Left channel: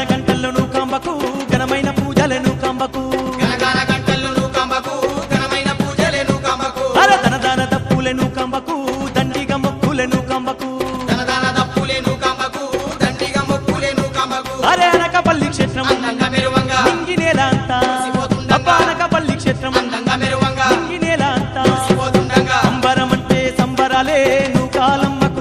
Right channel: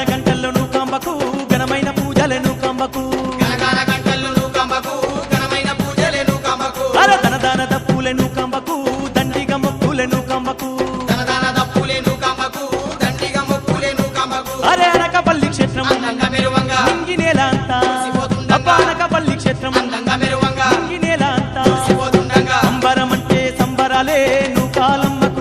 గనగన గంటల్లో నూకాంబకు ఘనమైన పూజలను కాంబకు అర దన దాన దప్పులను కాంబకు దండిగా మొక్కులను కాంబకు అరే అనకపల్లి క్షేత్రం నింగి నేల అంతా అనకపల్లి క్షేత్రం నింగి నేల అంతా అంబరం అంటే సంబరాలే నూకాలమ్మకు